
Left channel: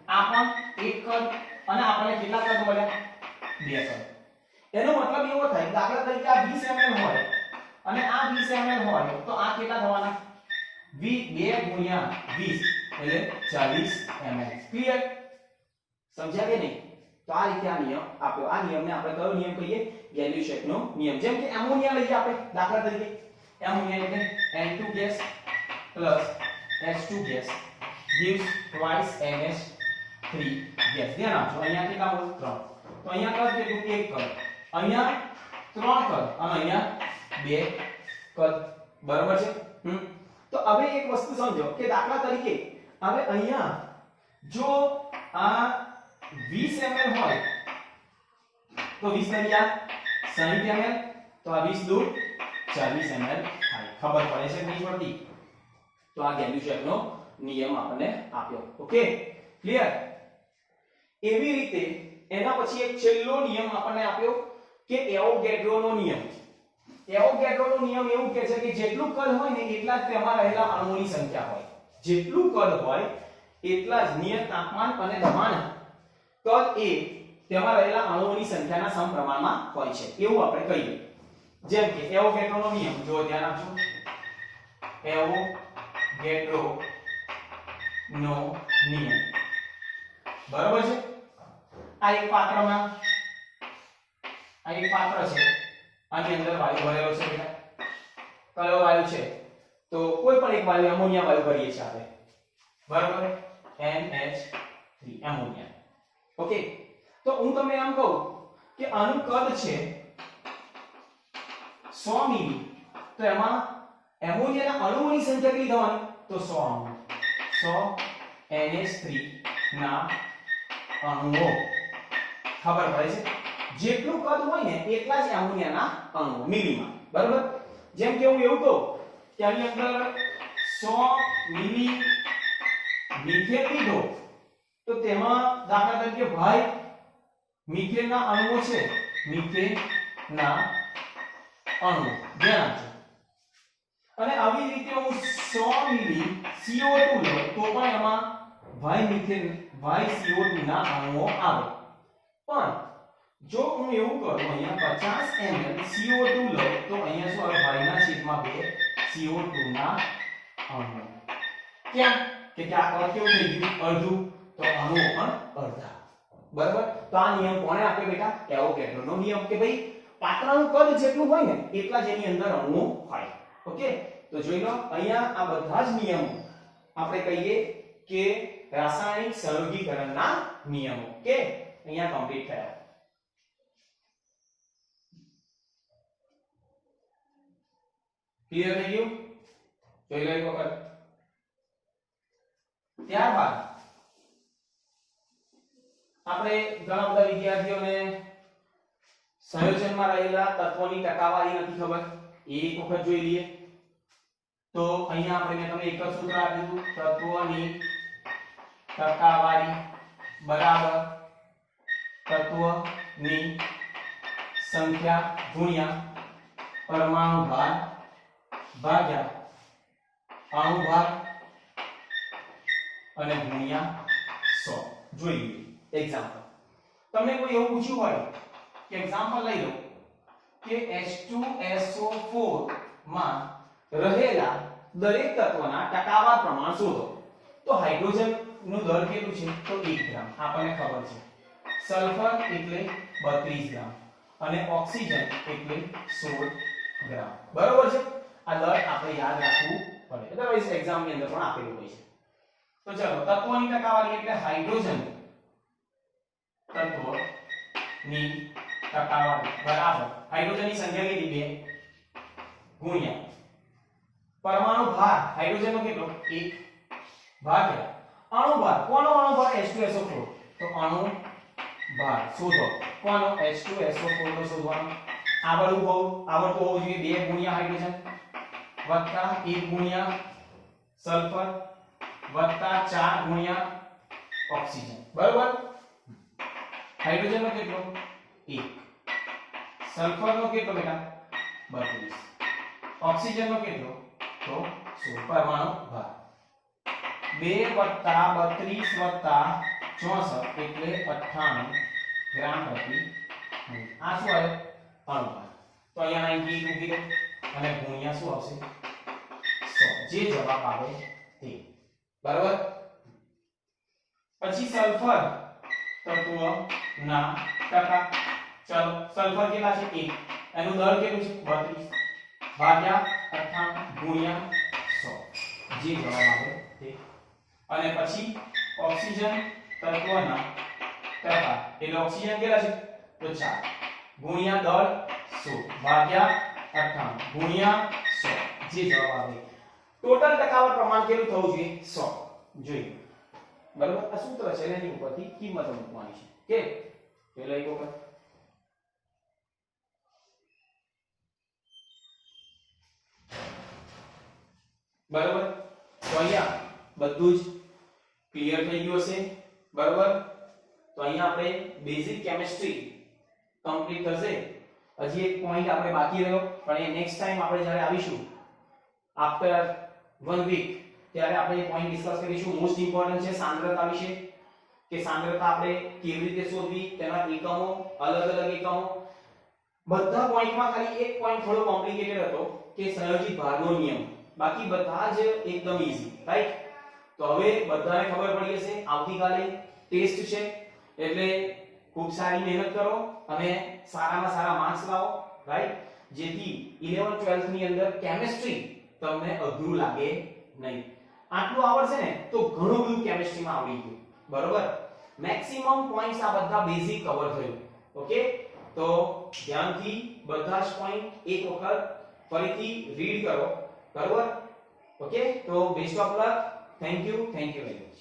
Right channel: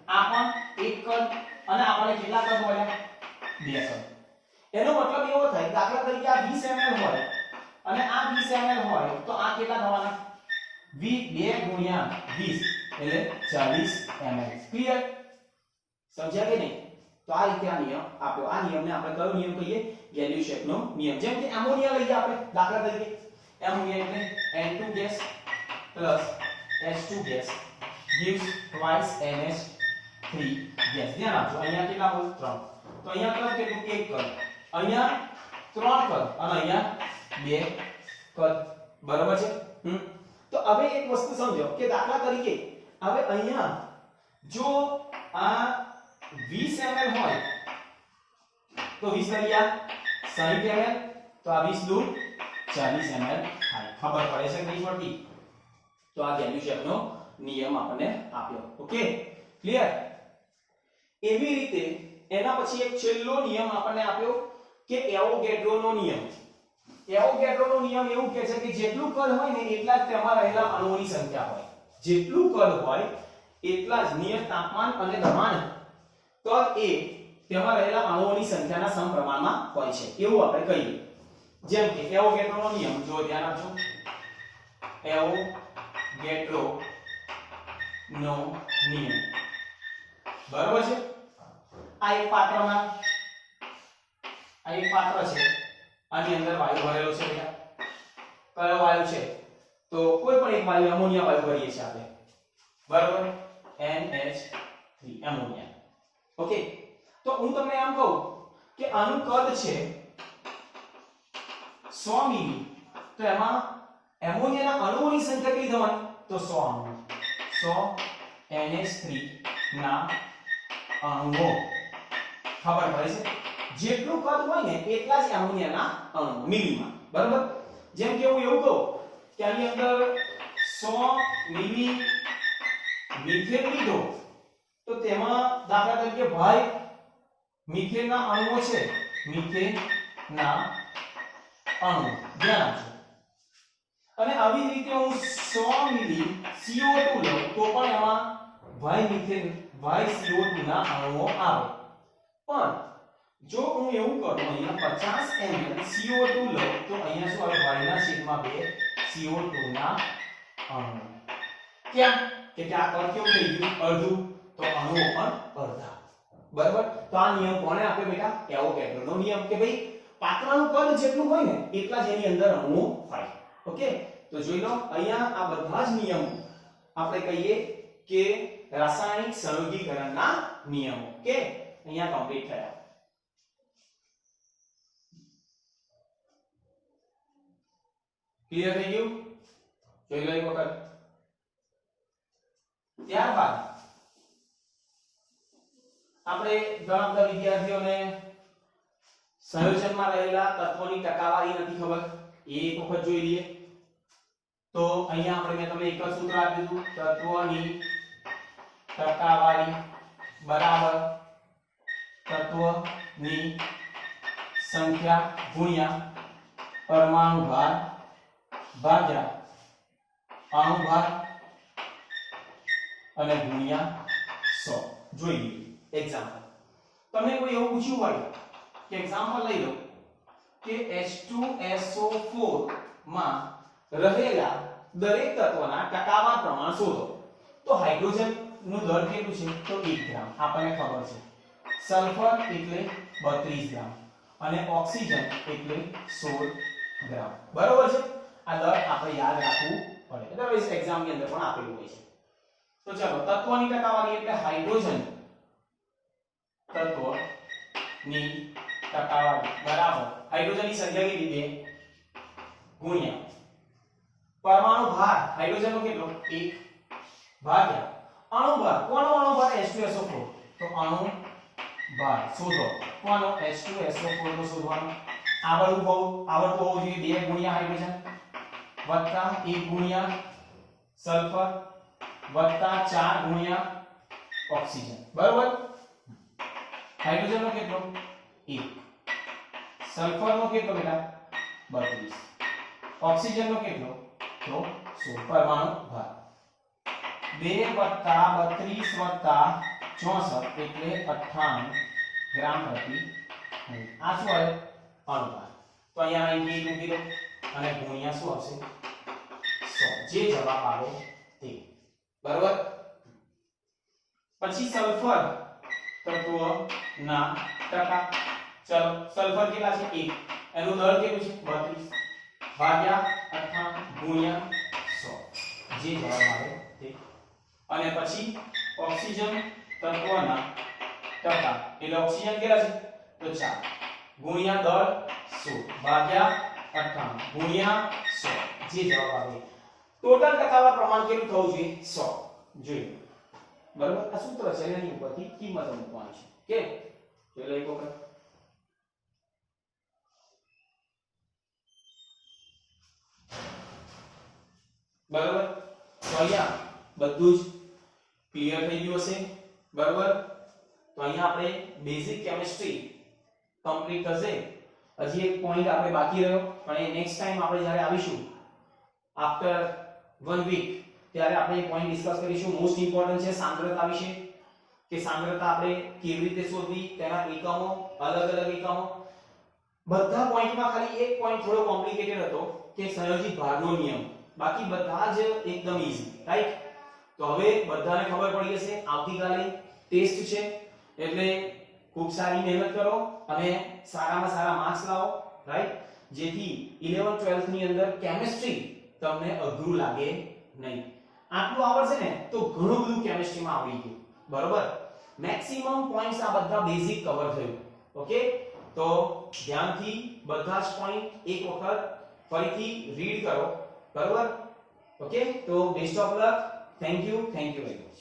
આ પણ 1 કદ, અને આપણને કેટલા કદ મળ્યા? 2 કદ. એનો મતલબ એવો થાય, દાખલા તરીકે આ 20 ml હોય અને આ 20 ml હોય, તો આ કેટલા થવાના? 2 ગુણ્યા 20 એટલે 40 ml. ક્લિયર? સમજ્યા કે નહીં? તો આ રીતે આ નિયમ આપ્યો. આ નિયમને આપણે કયો નિયમ કહીએ? ગેલ્યુશેકનો નિયમ. જેમ કે એમોનિયા લઈએ આપણે દાખલા તરીકે, એમોનિયા એટલે N2 gas plus H2 gas gives twice NH3 gas. ધ્યાન આપજો, અહીંયા કેટલા મોલ? 3. તો અહીંયા કદ કેટલું? 1 કદ, અહીંયા 3 કદ, અને અહીંયા 2 કદ. બરાબર છે? તો હવે એક વસ્તુ સમજો કે દાખલા તરીકે હવે અહીંયા જો આ 20 ml હોય તો 20 દરિયા 60 ml, તો આ 20 દુ 40 ml થાય. ખબર પડે છે કે નહીં પડતી? તો આ ગેલ્યુશેકનો નિયમ આપણને આપ્યો. Okay, clear? એવી રીતે એના પછી એક છેલ્લો નિયમ આપણને આપ્યો કે એવોગેડ્રોનો નિયમ. એવોગેડ્રોનો નિયમ એવું કહે છે કે જેટલું કદ હોય ને એટલા જ તેમાં રહેલા અણુઓની સંખ્યા હોય. જેટલું કદ હોય એટલા જ નિયત તાપમાન અને દબાણ કદ એ તેમાં રહેલા અણુઓની સંખ્યાના સમપ્રમાણમાં હોય છે, એવું આપણે કહીએ. જેમ કે એવોગેડ્રોનો નિયમ, જો ધ્યાન આપજો, એવોગેડ્રોનો નિયમ. બરાબર છે? આ એક પાત્ર છે, આની અંદર વાયુ ભરેલો છે બેટા. કયો વાયુ છે? તો કોઈ પણ એક વાયુ, એમોનિયા વાયુ ભરીએ છીએ આપણે. બરાબર? NH3 ammonia. ઓકે, તો હું તમને આમ કહું કે આનું કદ છે 100 મિલી, તો એમાં એમોનિયાના અણુઓની સંખ્યા કેટલી થવાની? તો 100 અણુ. 100 NH3 ના અણુઓ. ખબર પડે છે? જેટલું કદ હોય ને એટલા જ એમોનિયાના અણુ મિલીમાં. બરાબર? જેમ કે હું એવું કહું કે આની અંદર 100 મિલી મિથેન લીધો, તો તેમાં દાખલા તરીકે ભાઈ મિથેનના અણુઓ છે, મિથેનના અણુ. ધ્યાન આપજો. અને આવી રીતે હું 100 મિલી CO2 લઉં તો પણ એમાં ભાઈ મિથેન, ભાઈ CO2 ના અણુઓ આવે. પણ જો હું એવું કરું, અહીંયા 50 ml CO2 લઉં તો અહીંયા શું આવે? ભાઈના છેદમાં 2 CO2 ના અણુ. ક્યાં કે આ કદ કેવું થઈ ગયું? અડધું. તો અણુઓ પણ અડધા. બરાબર? તો આ નિયમ કોણે આપ્યો બેટા? એવોગેડ્રોનો નિયમ, કે ભાઈ પાત્રનું કદ જેટલું હોય ને એટલા જ એની અંદર અણુઓ હોય. ઓકે, તો જોઈ લો, અહીંયા આ બધા જ નિયમો આપણે કહીએ કે રાસાયણિક સંયોગીકરણના નિયમો. કે અહીંયા કમ્પ્લીટ થયા. ક્લિયર થઈ ગયું? જોઈ લો એક વખત. ત્યારબાદ આપણે ઘણા બધા વિદ્યાર્થીઓને સંયોજનમાં રહેલા તત્વોની ટકાવારી નથી ખબર, એ એક વખત જોઈ લઈએ. તો અહીંયા આપણે મેં તમને એક જ સૂત્ર આપી દીધું, તત્વોની ટકાવારી બરાબર તત્વની સંખ્યા ગુણ્યા પરમાણુ ભાર ભાગ્યા અણુ ભાર અને ગુણ્યા 100. જોઈ લઈએ એક્ઝામ્પલ. તમને કોઈ એવું પૂછ્યું હોય કે એક્ઝામ્પલ લઈ લો કે H2SO4 માં રહેલા દરેક તત્વના ટકાવાર પ્રમાણ શોધો. તો હાઇડ્રોજન નું દર કેટલું છે? તો 1 ગ્રામ, આપણને ખબર છે. સલ્ફર એટલે 32 ગ્રામ અને ઓક્સિજન એટલે 16 ગ્રામ. બરોબર છે? આ દર આપણે યાદ રાખવું પડે. અદરવાઇઝ એક્ઝામ ની અંદર પણ આપેલું હોય છે. તો ચલો, તત્વોની ટકાવારી એટલે હાઇડ્રોજન તત્વની ટકાવારી બરાબર હાઇડ્રોજનની સંખ્યા કેટલી? 2 ગુણ્યા પરમાણુ ભાર, હાઇડ્રોજનનો કેટલો? 1 ભાગ્યા અણુ ભાર. કોનો અણુ ભાર? H2SO4. તો અણુ ભાર શોધો. કોનો? H2SO4 નો શોધવાનો. આવડતું હોવું જોઈએ. 2 ગુણ્યા હાઇડ્રોજન વત્તા 1 ગુણ્યા સલ્ફર વત્તા 4 ગુણ્યા ઓક્સિજન. બરોબર? હાઇડ્રોજન નો કેટલો? 1. સલ્ફર નો કેટલો બેટા? 32. ઓક્સિજન નો કેટલો? તો 16 પરમાણુ ભાર 2 + 32 + 64 એટલે 98 ગ્રામ પ્રતિ મોલ. આ શું આવે? અણુભાર. તો અહીંયા 98 મૂકી દો અને ગુણ્યા શું આવશે? 100. જે જવાબ આવે તે. બરાબર? પછી સલ્ફર તત્વના ટકા. ચલો સલ્ફર કેટલા છે? 1. એનું દળ કેટલું છે? 32 ભાગ્યા 98 ગુણ્યા 100. જે જવાબ આવે તે. અને પછી ઓક્સિજન તત્વના ટકા એટલે ઓક્સિજન કેટલા છે? તો 4 ગુણ્યા દળ 100 ભાગ્યા 98 ગુણ્યા 100. જે જવાબ આવે. ટોટલ ટકાવાર પ્રમાણ કેટલું થવું જોઈએ? 100. જોઈએ. બરાબર? આ સૂત્ર છે એની ઉપરથી કિંમતો મૂકવાની છે. કે ચલો એક વખત બરાબર. તો અહીંયા બધું જ ક્લિયર થઈ ગયું હશે. બરાબર? તો અહીંયા આપણે બેઝિક કેમિસ્ટ્રી કમ્પ્લીટ થશે. હજી એક પોઈન્ટ આપણે બાકી રહ્યો, પણ એ નેક્સ્ટ ટાઈમ આપણે જ્યારે આવીશું આફ્ટર 1 વીક ત્યારે આપણે એ પોઈન્ટ ડિસ્કસ કરીશું. મોસ્ટ ઇમ્પોર્ટન્ટ છે સાંદ્રતા વિશે, કે સાંદ્રતા આપણે કેવી રીતે શોધવી, તેના એકમો, અલગ અલગ એકમો. બધા પોઈન્ટમાં ખાલી એક પોઈન્ટ થોડો કોમ્પ્લિકેટેડ હતો કે સંયોજિત ભારનો નિયમ. બાકી બધા જ એકદમ ઈઝી, રાઈટ? તો હવે બધાને ખબર પડી હશે. આવતીકાલે ટેસ્ટ છે એટલે ખૂબ સારી મહેનત કરો અને સારામાં સારા માર્ક્સ લાવો, રાઈટ? જેથી 11 12th ની અંદર કેમિસ્ટ્રી તમને અઘરું લાગે નહીં. આટલું આવડશે ને તો ઘણું બધું કેમિસ્ટ્રીમાં આવડી ગયું. બરોબર? મેક્સિમમ પોઈન્ટ્સ આ બધા બેઝિક કવર થયું. ઓકે? તો ધ્યાનથી બધા જ પોઈન્ટ એક વખત ફરીથી રીડ કરો. બરોબર? ઓકે? તો best of luck. Thank you very much.